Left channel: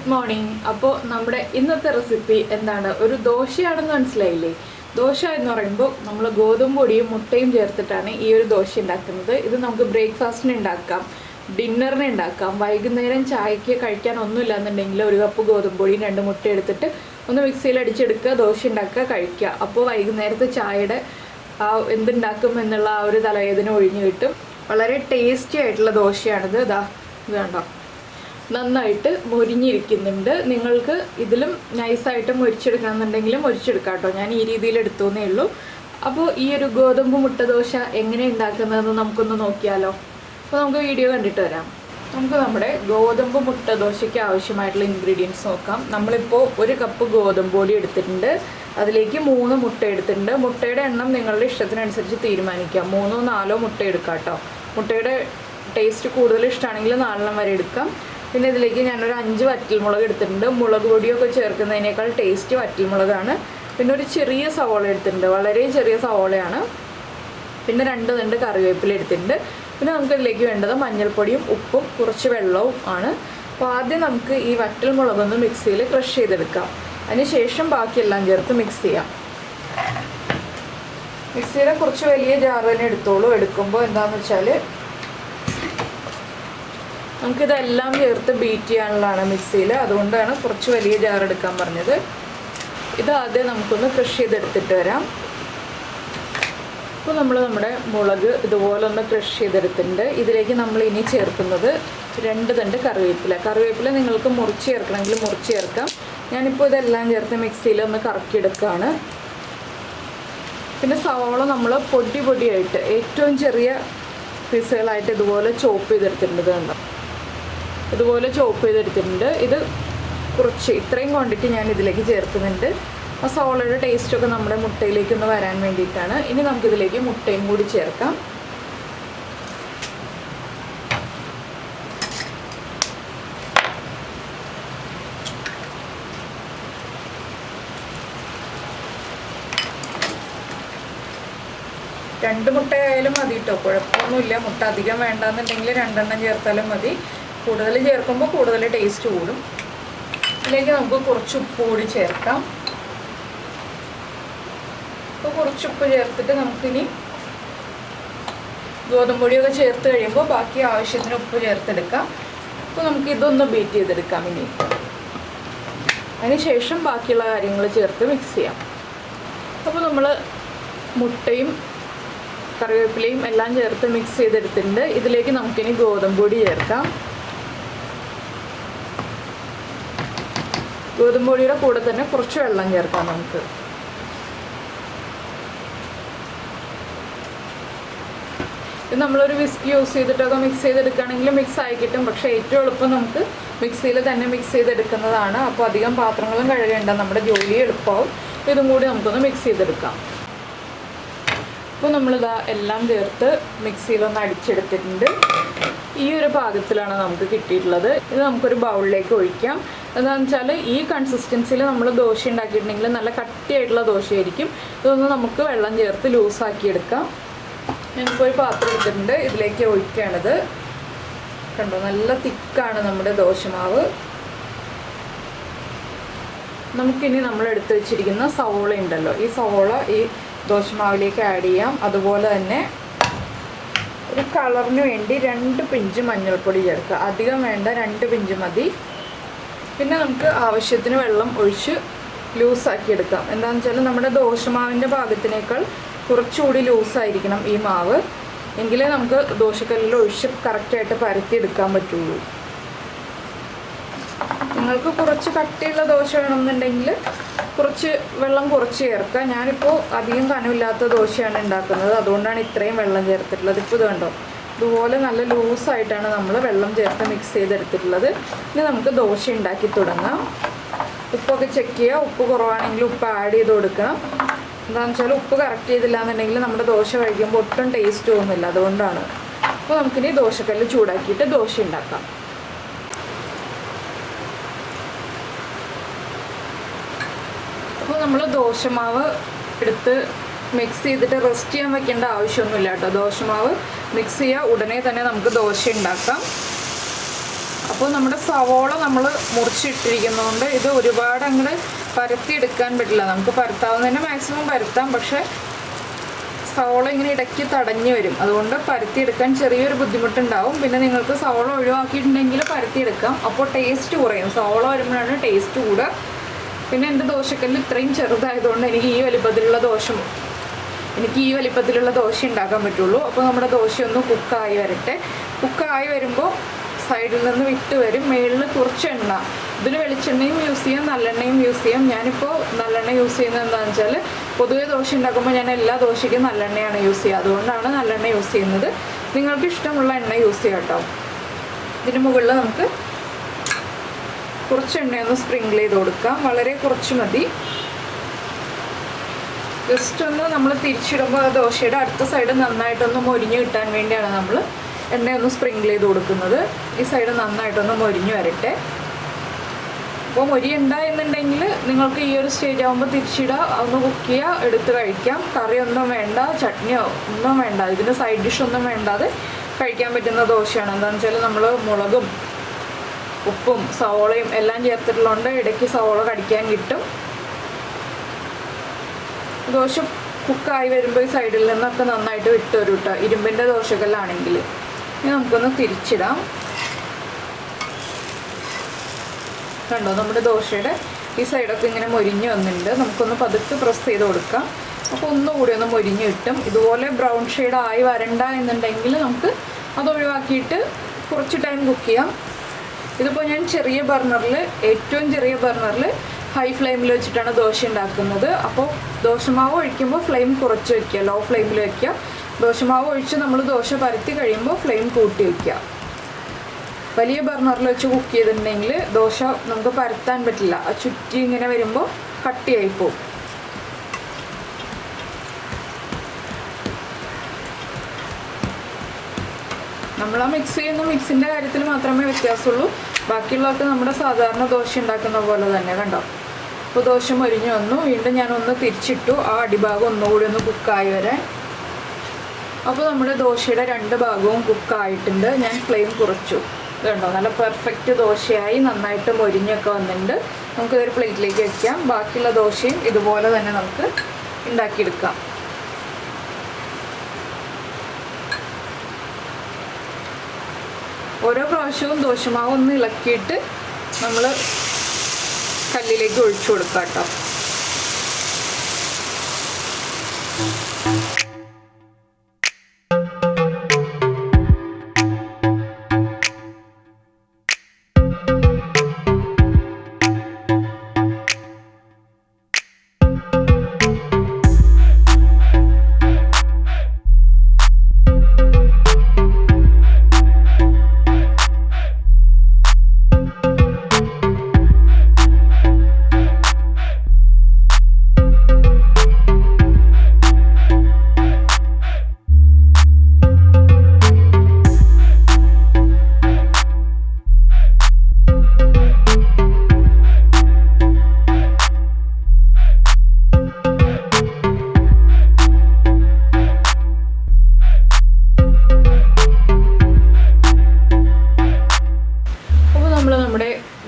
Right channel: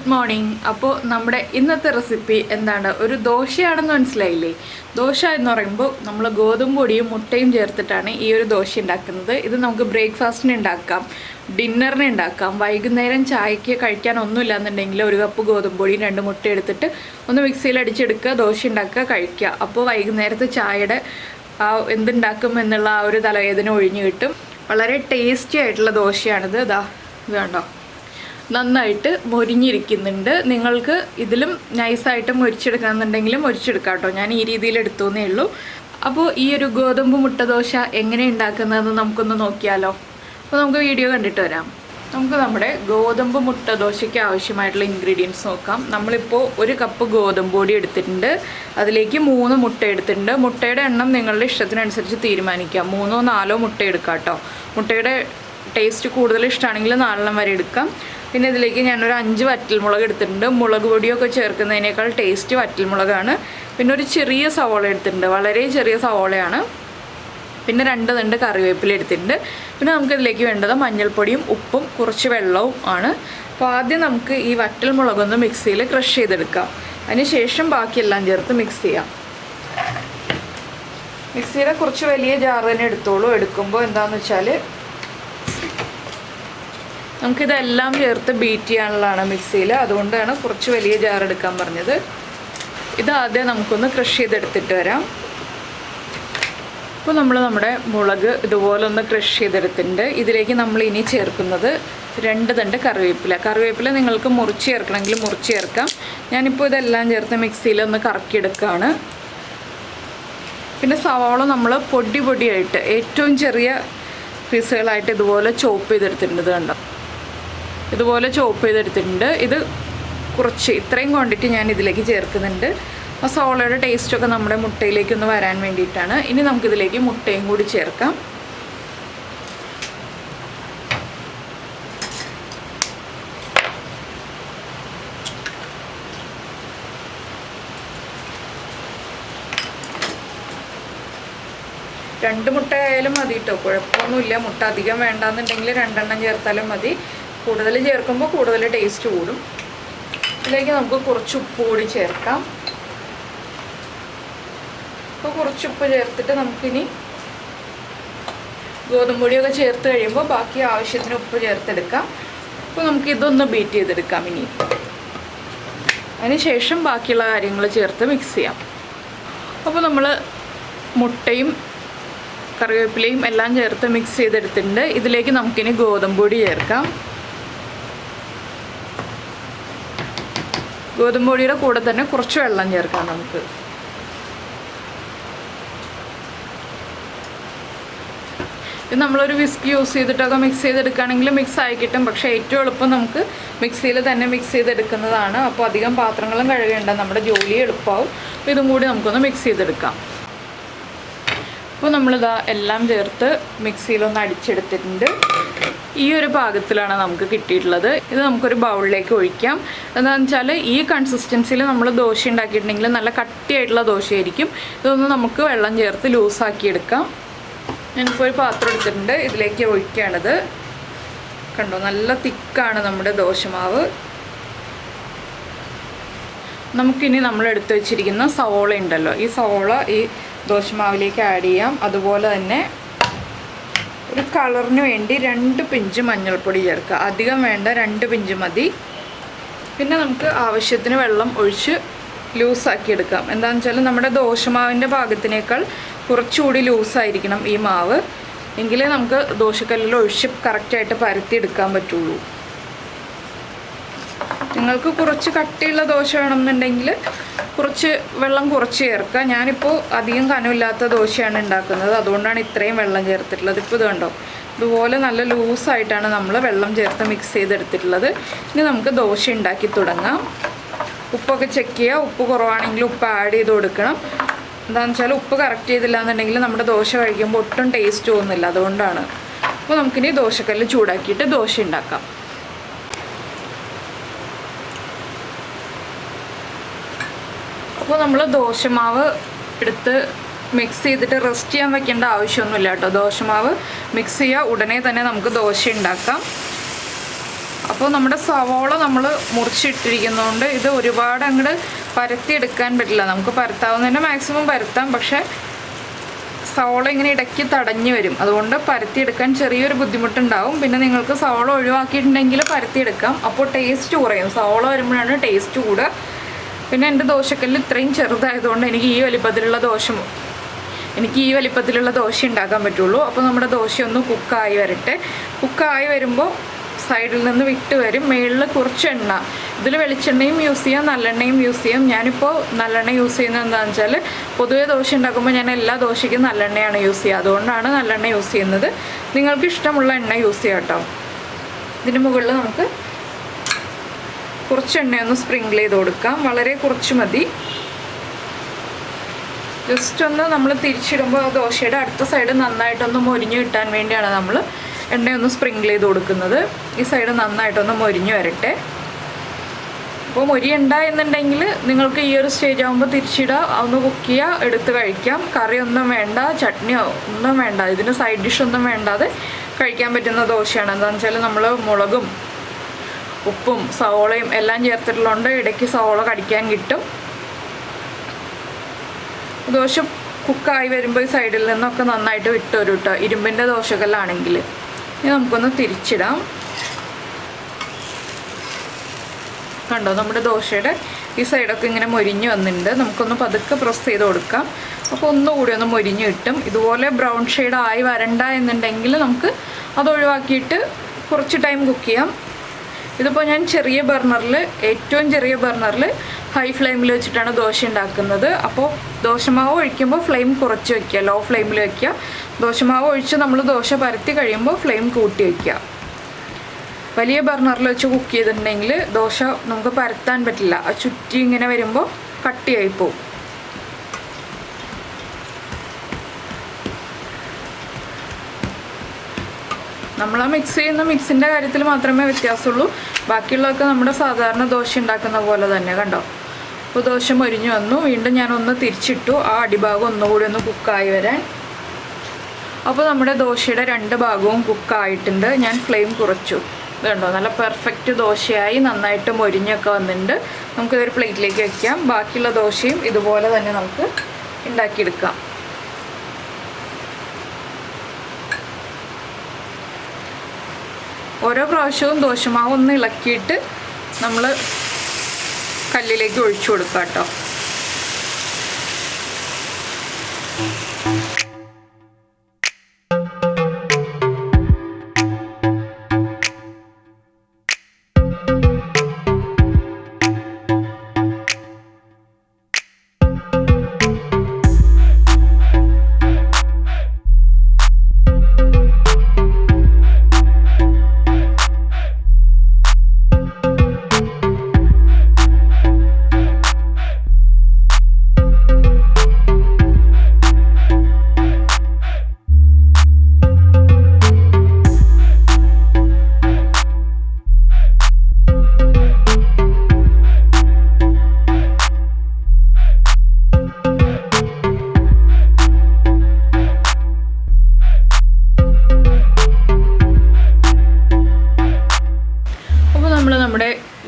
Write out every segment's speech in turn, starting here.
Good morning. അപ്പോൾ നമ്മുടെ ഇന്നത്തെ റെസിപ്പി എന്താണ്? ഒരു ദോശയാണെന്ന് മനസ്സിലായില്ലേ? ദോശ എന്ന് പറയുമ്പോൾ നമ്മൾ ഗോതമ്പ് പൊടിയും മുട്ടയും ചേർത്തിട്ടാണ് ഈ ഒരു ദോശ ഉണ്ടാക്കുന്നത്. ഇത് നമുക്ക് ബ്രേക്ക്ഫാസ്റ്റിന് ഉണ്ടാക്കാം, ഡിന്നറിന് ഉണ്ടാക്കാം, വൈകുന്നേരം ചായക്ക് കഴിക്കാൻ ഒന്നുമില്ല എന്നുണ്ടെങ്കിൽ ഒരു കപ്പ് ഗോതമ്പ് പൊടിയും 2 മുട്ട എടുത്തിട്ട് ഒന്ന് മിക്സിയിൽ അടിച്ചെടുക്കുക, ദോശ ഉണ്ടാക്കുക, കഴിക്കുക. അപ്പോൾ വൈകുന്നേരത്തെ ചായയുടെ എന്തുണ്ടാക്കും എന്നുള്ള ആ ഒരു തലവേദന ഒഴിഞ്ഞു കിട്ടും. വളരെ ടേസ്റ്റി ആയിട്ടുള്ള ദോശയാണിത്. ഇതാ വേണ്ടോ, നന്നായിട്ട് മൊരിഞ്ഞിരിക്കുന്നുണ്ട്. നിങ്ങൾക്ക് ഇതിലും നൈസായിട്ട് മൊരിച്ചെടുക്കണമെന്നുണ്ടെങ്കിലും മൊരിച്ചെടുക്കാം കേട്ടോ. ഞാൻ ഈ രീതിയിൽ എടുത്തോന്നേ ഉള്ളൂ. അപ്പോൾ ഈ ഒരു ഗോതമ്പ് മുട്ട ദോശ എങ്ങനെ ഉണ്ടാക്കുന്നതെന്ന് നമുക്കൊന്ന് നോക്കിയാലോ. അപ്പോൾ നമുക്ക് വീഡിയോ കണ്ടിട്ട് വരാം. നമുക്ക് നമ്മുടെ ഗോതമ്പ് മുട്ട ദോശയ്ക്ക് ആവശ്യമായിട്ടുള്ള ഇൻഗ്രീഡിയൻസ് നോക്കാം. നമ്മളിപ്പോൾ 1 കപ്പ് ഗോതമ്പ് പൊടി എടുത്തിട്ടുണ്ട്, അതിലേക്ക് 3 മുട്ട എടുത്തിട്ടുണ്ട്. മുട്ടയുടെ എണ്ണം നിങ്ങളുടെ ഇഷ്ടത്തിനനുസരിച്ച് തീരുമാനിക്കാം. 3 or 4 മുട്ട എടുക്കാം കേട്ടോ. മുട്ടയുടെ ടേസ്റ്റ് കൂടുതൽ ഇഷ്ടമാണെങ്കിൽ 4 വരെ എടുക്കാം. പിന്നെ ഇതിലേക്ക് ഞാനൊരു 5 വറ്റൽമുളക് എടുത്തിട്ടുണ്ട്. മുളക് പൊടിയൊക്കെ ചേർക്കുന്നതിനേക്കാൾ ടേസ്റ്റ് വറ്റൽമുളകാണ്. പിന്നെ ഒരു ചെറിയ സവോള എടുത്തിട്ടുണ്ട്, വളരെ ചെറിയ സവോളയാണ്. പിന്നെ 2 തണ്ട് കറിവേപ്പില എടുത്തിട്ടുണ്ട്. പിന്നെ നമുക്കിതിലേക്ക് വേണ്ടത് മഞ്ഞൾപ്പൊടിയും ഉപ്പും കുറച്ച് വെള്ളവും ആണ്. അപ്പോൾ ആദ്യം നമുക്ക് ഈ വറ്റൽമുളകൊന്ന് മിക്സിയിൽ ക്രഷ് ചെയ്തെടുക്കാം. അതിനുശേഷം ബാക്കിയെല്ലാം ചേർത്ത് മിക്സ് ചെയ്യാം. മിക്സിയുടെ കുറച്ച് വലിയ ജാർ തന്നെ എടുത്തോളൂ. എടുക്കുമ്പോൾ എന്താണെന്ന് വെച്ചാൽ നമുക്കിതെല്ലാം ചേർത്ത് ബീറ്റ് ചെയ്യാനുള്ളതാണ് മിക്സിയിൽ, അതുകൊണ്ടാണ് കുറച്ച് വലിയ ജാർ എടുക്കാൻ പറഞ്ഞത്. ഇത് ആദ്യം നമുക്കൊന്ന് ക്രഷ് ചെയ്തെടുത്തിട്ട് വരാം. അപ്പോൾ നമ്മൾ നമ്മുടെ മുളക് ഇതുപോലെ ഒന്ന് ക്രഷ് ചെയ്തെടുത്തിട്ടുണ്ട്. ഇതിലേക്ക് നമ്മൾ ഇനി ചേർക്കുന്നത് 2 തണ്ട് കറിവേപ്പില നിങ്ങൾക്ക് മുറിച്ച് ചേർക്കണമെങ്കിൽ മുറിച്ച് ചേർക്കാം. ഞാനിപ്പോൾ ഇതെല്ലാം ചേർത്ത് മിക്സിയിൽ ഒന്ന് കറക്കിയെടുക്കുകയാണ്. പിന്നെ സവാള നമ്മൾ പൊടിയായിട്ട് ഏറ്റവും ചെറിയ പീസുകളായിട്ട് ഇതുപോലെ ചോപ്പ് ചെയ്തെടുത്തിട്ടുണ്ട്. കണ്ടോ, ഇതുപോലെ ചോപ്പ് ചെയ്തെടുത്തിട്ടുണ്ട്. ഇത് കുറച്ച് ഇത്രയും ക്വാണ്ടിറ്റി ഞാൻ ഇതിലേക്ക് ചേർക്കുന്നുണ്ട്. ആ സവാളയുടെ ടേസ്റ്റൊക്കെ നമ്മുടെ മുട്ടയിലേക്കൊന്ന് വരാൻ വേണ്ടിയിട്ടാണ്. ഇനി നമുക്കിതിലേക്ക് മുട്ടയും കൂടി ചേർക്കാം. രണ്ട് മുട്ട ആയാലും മതി കേട്ടോ, കുഴപ്പമൊന്നുമില്ല. മുട്ട അധികം വേണ്ടാന്നുണ്ടെങ്കിൽ 2 എണ്ണം ചേർത്താലും മതി. കൂടുതൽ ചേർക്കുമ്പോൾ കൂടുതൽ ടേസ്റ്റ് കൂടും. ഇതിലേക്ക് നമുക്ക് കുറച്ച് ഉപ്പ് കൂടി ചേർക്കാം. അപ്പോൾ കുറച്ച് ഉപ്പ് ചേർത്തിട്ട് നമുക്കിനി ഗോതമ്പ് പൊടിയൊക്കെ ചേർത്ത് കഴിയുമ്പോൾ ബാക്കി ആവശ്യത്തിന് ഉപ്പ് ചേർത്തെടുക്കാം. അപ്പോൾ നമുക്ക് ഇതൊന്ന് ബീറ്റ് ചെയ്തെടുക്കാം. ഇനി അതിനുശേഷം ബാക്കിയുള്ള കാര്യങ്ങൾ ചേർത്ത് മിക്സ് ചെയ്യാം. അപ്പോൾ നമ്മൾ മുട്ടയും കറിവേപ്പിലയും എല്ലാം ചേർത്ത് മിക്സ് ചെയ്തെടുത്തിട്ടുണ്ട്. ഇതിലേക്ക് നമുക്കിനി ഗോതമ്പ് പൊടി ചേർക്കാം. ഗോതമ്പ് പൊടിയുടെ കൂടെ തന്നെ കുറച്ച് വെള്ളം ചേർക്കാം നമുക്ക്. ഇത് നമ്മളൊരു വിസ്ക് യൂസ് ചെയ്തിട്ടൊക്കെ മിക്സ് ചെയ്തെടുക്കുകയാണെങ്കിൽ മിക്സ് ആയി കിട്ടും. പക്ഷേ ഏറ്റവും എളുപ്പം നമുക്ക് മിക്സിയിൽ തന്നെ മിക്സ് ചെയ്തെടുക്കുന്നതാണ്. അപ്പോൾ അധികം പാത്രങ്ങളും കഴുകേണ്ട, നമ്മുടെ ജോലി എളുപ്പമാവും. ഇതും കൂടി നമുക്കൊന്ന് മിക്സ് ചെയ്തെടുക്കാം. അപ്പോൾ നമ്മളിതാ എല്ലാം ചേർത്ത് മിക്സിയിലൊന്ന് അടിച്ചെടുത്തിട്ടുണ്ട്. ഈ ഒരു പാകത്തിലാണ് നമുക്ക് കിട്ടിയിട്ടുള്ളത്. ഇത് നമുക്കൊരു ബൗളിലേക്ക് ഒഴിക്കാം. എന്താണെന്ന് വെച്ചാൽ ഈ കൺസിസ്റ്റൻസിയിൽ നമ്മൾ ദോശ ഉണ്ടാക്കിയിട്ടുണ്ടെങ്കിൽ നല്ല കട്ടിയായിട്ടുള്ള ദോശയായിരിക്കും. ഇതൊന്ന് നമുക്ക് വെള്ളം ചേർത്ത് ലൂസാക്കി എടുക്കാം. ഞാനിപ്പോൾ ഒരു പാത്രം എടുത്തിട്ടുണ്ട്, ഇതിലേക്ക് ഒഴിക്കുകയാണിത്. കണ്ടോ, നല്ല തിക്കാണ് നമ്മുടെ ദോശമാവ്. നമുക്കിനി നമ്മൾ എടുത്തു വെച്ചിരിക്കുന്ന സവോള ഉണ്ടല്ലോ, ഈ സവോള ഈ ദോശമാവിലേക്ക് ആഡ് ചെയ്യാം. അതുപോലെ തന്നെ ഒരു കളറിന് വേണ്ടി 2 പിഞ്ച് മഞ്ഞൾപ്പൊടി ചേർക്കുക. അധികം വേണ്ട, 2 പിഞ്ച് മതി. പിന്നെ നമുക്ക് ആവശ്യത്തിന് വെള്ളം ഒഴിച്ച് ലൂസാക്കി എടുക്കാം. എന്താണെന്ന് വെച്ചാൽ നമ്മുടെ ദോശമാവിൻ്റെ പാകത്തിനേക്കാൾ കുറച്ചുകൂടി ലൂസായിരിക്കണം ഈ മാവ്, എങ്കിലേ നമുക്ക് ദോശക്കല്ലിൽ ഒഴിച്ച് കറക്റ്റായിട്ട് പരത്തി എടുക്കാൻ പറ്റുള്ളൂ. നിങ്ങൾക്ക് കുറച്ച് കട്ടിയുള്ള ദോശ വേണമെന്നുണ്ടെങ്കിൽ കുറച്ച് വെള്ളം കുറച്ച് ചേർക്കുക. ഞാനിപ്പോൾ അധികം കനമില്ലാത്ത ദോശയാണ് ഉണ്ടാക്കുന്നത്, അതുകൊണ്ടാണ് ഇത്രയും വെള്ളം ചേർത്തിട്ടുള്ളത്. ഇപ്പോൾ ഇത് കണ്ടോ, ഇതുപോലെ നല്ല ലൂസായിട്ടാണ് നമ്മൾ വെള്ളം ചേർത്ത് മിക്സ് ചെയ്തെടുത്തിട്ടുള്ളത്. ഇനി നമുക്ക് ദോശ ഉണ്ടാക്കി തുടങ്ങാം. ഉപ്പൊക്കെ ചെക്ക് ചെയ്യുക. ഉപ്പ് കുറവാണെങ്കിൽ ഉപ്പ് ആഡ് ചെയ്ത് കൊടുക്കണം. എന്താണെന്ന് വെച്ചാൽ ഉപ്പ് കറക്റ്റ് ചെയ്തില്ല എന്നുണ്ടെങ്കിൽ നമ്മുടെ ദോശ കഴിക്കുമ്പോൾ ഒട്ടും ടേസ്റ്റ് തോന്നുന്നില്ല, അതുകൊണ്ടാണ്. അപ്പോൾ നമുക്കിനി ദോശക്കല്ല് ചൂടാക്കിയിട്ട് ദോശ ഉണ്ടാക്കാം. അപ്പോൾ നമ്മൾ ദോശമാവ് എടുത്ത് മിക്സ് ചെയ്തിട്ട് റെസ്റ്റ് ചെയ്യാൻ വെക്കേണ്ട ആവശ്യമൊന്നുമില്ല കേട്ടോ. ദോശമാവ് മിക്സ് ചെയ്യുക, ഉടനെ തന്നെ നമുക്ക് ദോശ ഉണ്ടാക്കാം. അപ്പോൾ നമ്മുടെ സവോള നമ്മൾ മുറിച്ചിട്ടിരിക്കുന്നതുകൊണ്ട് ഇത് ഒരുപാട് അങ്ങോട്ട് പരത്തിയെടുക്കാൻ പറ്റില്ല. നമുക്ക് പരത്താവുന്നതിന് മാക്സിമം പരത്താം, പക്ഷേ സവോള ഇങ്ങനെ ഇടയ്ക്ക് തടഞ്ഞു വരും. അതുകൊണ്ട് പരത്തിയെടുക്കാൻ ചെറിയൊരു ബുദ്ധിമുട്ടുണ്ടാവും. പിന്നെ നിങ്ങൾക്ക് സവോള ഒഴിവാക്കിയിട്ടുണ്ടെങ്കിൽ പരത്തിയെടുക്കാം, അപ്പോൾ ടേസ്റ്റ് കുറയും. സവോള വരുമ്പോഴാണ് ടേസ്റ്റ് കൂടുക. പിന്നെ എൻ്റെ ദോശക്കല്ല് ഇത്രയും ചെറുതായതുകൊണ്ട് എനിക്ക് ഈ വലിപ്പത്തിലുള്ള ദോശ ഉണ്ടാക്കാൻ പറ്റുള്ളൂ. അപ്പോൾ നമ്മുടെ ദോശയൊന്ന് കുക്കായി വരട്ടെ. കുക്കായി വരുമ്പോൾ സൈഡിൽ നിന്ന് വിട്ട് വരും. മുകളിൽ കുറച്ച് എണ്ണ, ഇതിൽ വെളിച്ചെണ്ണയും യൂസ് ചെയ്യാം, നല്ലെണ്ണയും യൂസ് ചെയ്യാം. ഞാനിപ്പോൾ നല്ലെണ്ണ യൂസ് ചെയ്യുന്നത് എന്താണെന്ന് വെച്ചാൽ പൊതുവേ ദോശ ഉണ്ടാക്കുമ്പോൾ ഞാൻ എല്ലാ ദോശയ്ക്കും നല്ലെണ്ണയാണ് യൂസ് ചെയ്യുക. അതുകൊണ്ടാണ് നല്ലെണ്ണ യൂസ് ചെയ്യുന്നത്. നിങ്ങൾക്ക് ഇഷ്ടമുള്ള എണ്ണ യൂസ് ചെയ്യാം കേട്ടോ. ഇതിന് മുകളിൽ നമുക്ക് കുറച്ച് എണ്ണയൊന്ന് സ്പ്രിങ്കിൾ ചെയ്ത് കൊടുക്കാം. വളരെ കുറച്ച് മതി. ജസ്റ്റ് ഒന്ന് നമ്മൾ തിരിച്ചിടുമ്പോൾ ദോശയുടെ അടുത്ത സൈഡ് നന്നായിട്ടൊന്ന് മൊരിഞ്ഞ് കിട്ടാൻ വേണ്ടിയാണ് നമ്മൾ എണ്ണയൊന്ന് സ്പ്രിങ്കിൾ ചെയ്ത് കൊടുക്കുന്നത്. ഈ സൈഡ് നന്നായിട്ടൊന്ന് മൊരിഞ്ഞ് വരട്ടെ. അപ്പോൾ മൊരിയുണ്ട എന്നുണ്ടെങ്കിൽ നിങ്ങൾക്ക് ഈ ഒരു സ്റ്റേജ് ആകുമ്പോൾ തിരിച്ചിടുക, ഒന്ന് കുക്ക് ചെയ്യുക, എടുത്ത് കഴിക്കാം. കറിയൊന്നും വേണ്ട, ചട്നിയോ ഒന്നും വേണ്ട, ഇതിന് സൈഡ് ഡിഷൊന്നും വേണ്ടാതെ കഴിക്കാൻ പറ്റുന്ന ദോശയാണ്. എന്താണെന്ന് വെച്ചാൽ നമ്മൾ മുളകും ഉപ്പും സവോളയും എല്ലാം ചേർത്തിട്ടുള്ളതുകൊണ്ട് ഇടയ്ക്ക് സവോള കടിക്കാൻ കിട്ടും. ദോശ കുക്കായി വരുമ്പോൾ ഈ സൈഡിൽ നിന്നൊക്കെ നന്നായിട്ട് വിട്ട് വരും കേട്ടോ, ഇരുമ്പിൻ്റെ ദോശകല്ലാണെങ്കിൽ. ഇനി നമുക്കൊന്ന് തിരിച്ചിടാം. കണ്ടോ, നമ്മുടെ ദോശയുടെ ഈ സൈഡൊക്കെ ഇങ്ങനെ മൊരിഞ്ഞ് വന്നിട്ടുണ്ട്. നമുക്കൊന്ന് പതുക്കെ പ്രസ് ചെയ്ത് കൊടുക്കാം. അപ്പോൾ ഒന്നുകൂടി ഒന്ന് മൊരിഞ്ഞ് കിട്ടും. ഇതുപോലെ ബ്രൗൺ ഷെയ്ഡ് ആയി വരണ്ട എന്നുണ്ടെങ്കിൽ നമുക്ക് അത് ഒഴിവാക്കിയിട്ട് കുറച്ച് ടൈം കുക്ക് ചെയ്യാം. ഇതിപ്പോൾ ഞാൻ ഏറ്റവും ചെറിയ ബർണറിൽ ഹൈ ഫ്ലെയിമിൽ വെച്ചിട്ടാണ് ദോശ ഉണ്ടാക്കുന്നത്. അപ്പോൾ ദോശമാവ് ഒഴിക്കുമ്പോൾ ഫ്ലെയിം കുറച്ച് വയ്ക്കുക, ലോ ഫ്ലെയിമിൽ വയ്ക്കുക. ദോശമാവ് ഒഴിച്ച് നമ്മൾ ദോശ പരത്തി കഴിയുമ്പോൾ ഫ്ലെയിം കൂട്ടി വയ്ക്കുക. വലിയ ബർണറിൽ വെച്ച് കുക്ക് ചെയ്തിട്ടുണ്ടെങ്കിൽ ദോശ നമുക്ക് പരത്താൻ പറ്റില്ല. ചുറ്റി ഇങ്ങനെ വരുമ്പോൾ കട്ടിയായി പോവും. നമ്മൾ ആ മിക്സ് ചെയ്യുന്ന മിക്സിൻ്റെ കാര്യത്തിൽ മാത്രമേ വ്യത്യാസമുള്ളൂ. ബാക്കിയുള്ളതൊക്കെ നമ്മുടെ സാധാരണ ദോശ ഉണ്ടാക്കുന്ന പോലെ തന്നെ. കണ്ടോ, അപ്പോൾ ദോശ മൊരിഞ്ഞ് വന്നു. വീണ്ടും ഞാനൊന്ന് തിരിച്ചിട്ടു, ആ അടിഭാഗം ഒന്നുകൂടി ഒന്ന് കുക്കായി വരാൻ. അപ്പോൾ നമ്മുടെ ദോശയുടെ 2 ഭാഗവും കുക്കായിട്ടുണ്ട്. ഞാൻ ഫ്ലെയിം കുറച്ചു. ഇതുണ്ടോ, നല്ല പെർഫെക്റ്റ് ദോശയായി, നന്നായിട്ട് മൊരിഞ്ഞൊക്കെ വന്നിട്ടുണ്ട്. നമുക്കിതൊരു പ്ലേറ്റിലേക്ക് വയ്ക്കാം. ബാക്കിയുള്ള ദോശയും ഇതുപോലെ തന്നെ നമുക്ക് ഉണ്ടാക്കിയെടുക്കാം. ഓരോ പ്രാവശ്യവും ദോശമാവ് ഒന്ന് ഇളക്കിയിട്ട് നമ്മൾ കല്ലിലേക്ക് ഒഴിച്ചു കൊടുക്കാം കേട്ടോ.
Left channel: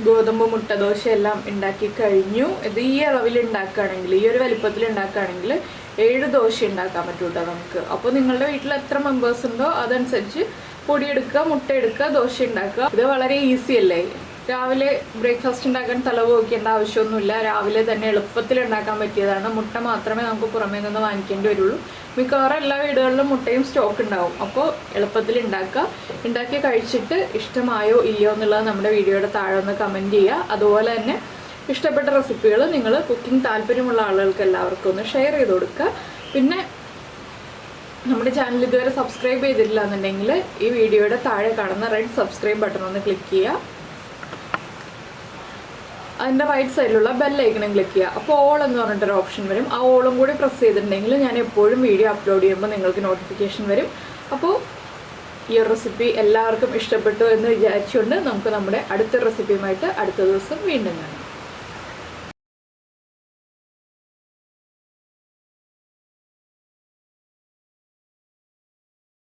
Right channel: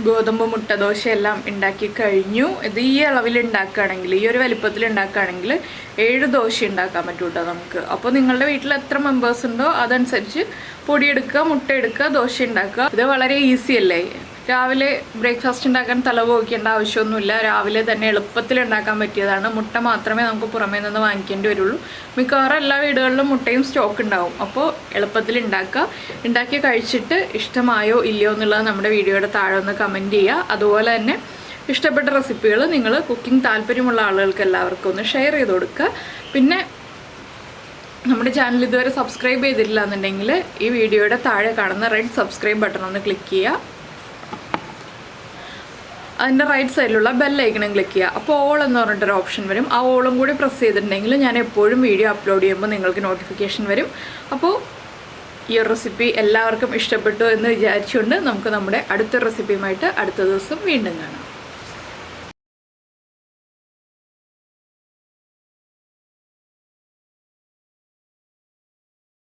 ഗോതമ്പ് മുട്ട ദോശയെല്ലാം ഉണ്ടാക്കി കഴിഞ്ഞു. ഇത് ഈ അളവിൽ ഉണ്ടാക്കുകയാണെങ്കിൽ, ഈ ഒരു വലിപ്പത്തിൽ ഉണ്ടാക്കുകയാണെങ്കിൽ 7 ദോശ ഉണ്ടാക്കാൻ പറ്റും കേട്ടോ നമുക്ക്. അപ്പോൾ നിങ്ങളുടെ വീട്ടിൽ എത്ര മെമ്പേഴ്സ് ഉണ്ടോ അതനുസരിച്ച് പൊടിയെടുക്കുക, മുട്ട എടുക്കുക, ദോശ ഉണ്ടാക്കുക. ഇത് വളരെ ഈസി അല്ലേ. രാവിലെ ബ്രേക്ക്ഫാസ്റ്റ് ഉണ്ടാക്കാൻ തലപോക്കേണ്ട ആവശ്യമൊന്നുമില്ല. രാവിലെ തന്നെ എളുപ്പത്തിൽ ഉണ്ടാക്കാൻ പറ്റിയതാണ്. മുട്ട മാത്രമേ നമുക്ക് പുറമേ നിന്ന് വാങ്ങിക്കേണ്ടി വരുള്ളൂ. മിക്കവാറും എല്ലാ വീടുകളിലും മുട്ടയും സ്റ്റോക്ക് ഉണ്ടാവും. അപ്പോൾ എളുപ്പത്തിൽ ഉണ്ടാക്കി കഴിച്ചിട്ട് ഇഷ്ടമായോ ഇല്ലയോ എന്നുള്ളത് നമ്മുടെ വീഡിയോയുടെ താഴെ ഒന്ന് കമൻറ്റ് ചെയ്യുക. അതുപോലെ തന്നെ ഇഷ്ടപ്പെട്ട റെസിപ്പികൾ നിങ്ങൾ കുക്കിംഗ് താല്പര്യമുള്ള ആളുകൾക്ക് എല്ലാവർക്കും ഒന്ന് ഷെയർ ചെയ്ത് കൊടുക്കുക. പിന്നെ നമ്മുടെ ചാനൽ ഇതുവരെ സബ്സ്ക്രൈബ് ചെയ്തിട്ടില്ല എന്നുണ്ടെങ്കിൽ ഈ വീഡിയോയുടെ താഴെ കാണുന്ന റെഡ് സബ്സ്ക്രൈബ് ബട്ടൺ ഒന്ന് ക്ലിക്ക് ചെയ്യുക. അതിൻ്റെ റൈറ്റ് സൈഡിലുള്ള ബെല്ലൈക്കണം ക്ലിക്ക് ചെയ്യുക. അപ്പോൾ ഓൾ എന്ന് പറഞ്ഞിട്ടൊരു ഓപ്ഷൻ വരും. ആ ഓളും കൂടി പ്രസ് ചെയ്തിട്ടുണ്ടെങ്കിൽ ഞാൻ എപ്പോഴും വീഡിയോ അപ്ലോഡ് ചെയ്യുമ്പോൾ നിങ്ങൾക്ക് നോട്ടിഫിക്കേഷൻ വരും. അപ്പോൾ ഈ ഒരു റെസിപ്പി എല്ലാവർക്കും ഇഷ്ടപ്പെട്ടു എന്ന് വിചാരിച്ചുകൊണ്ട് നമുക്ക് നമ്മുടെ അടുത്ത റെസിപ്പിയുമായിട്ട് അടുത്ത ദിവസം വീണ്ടും കാണാം.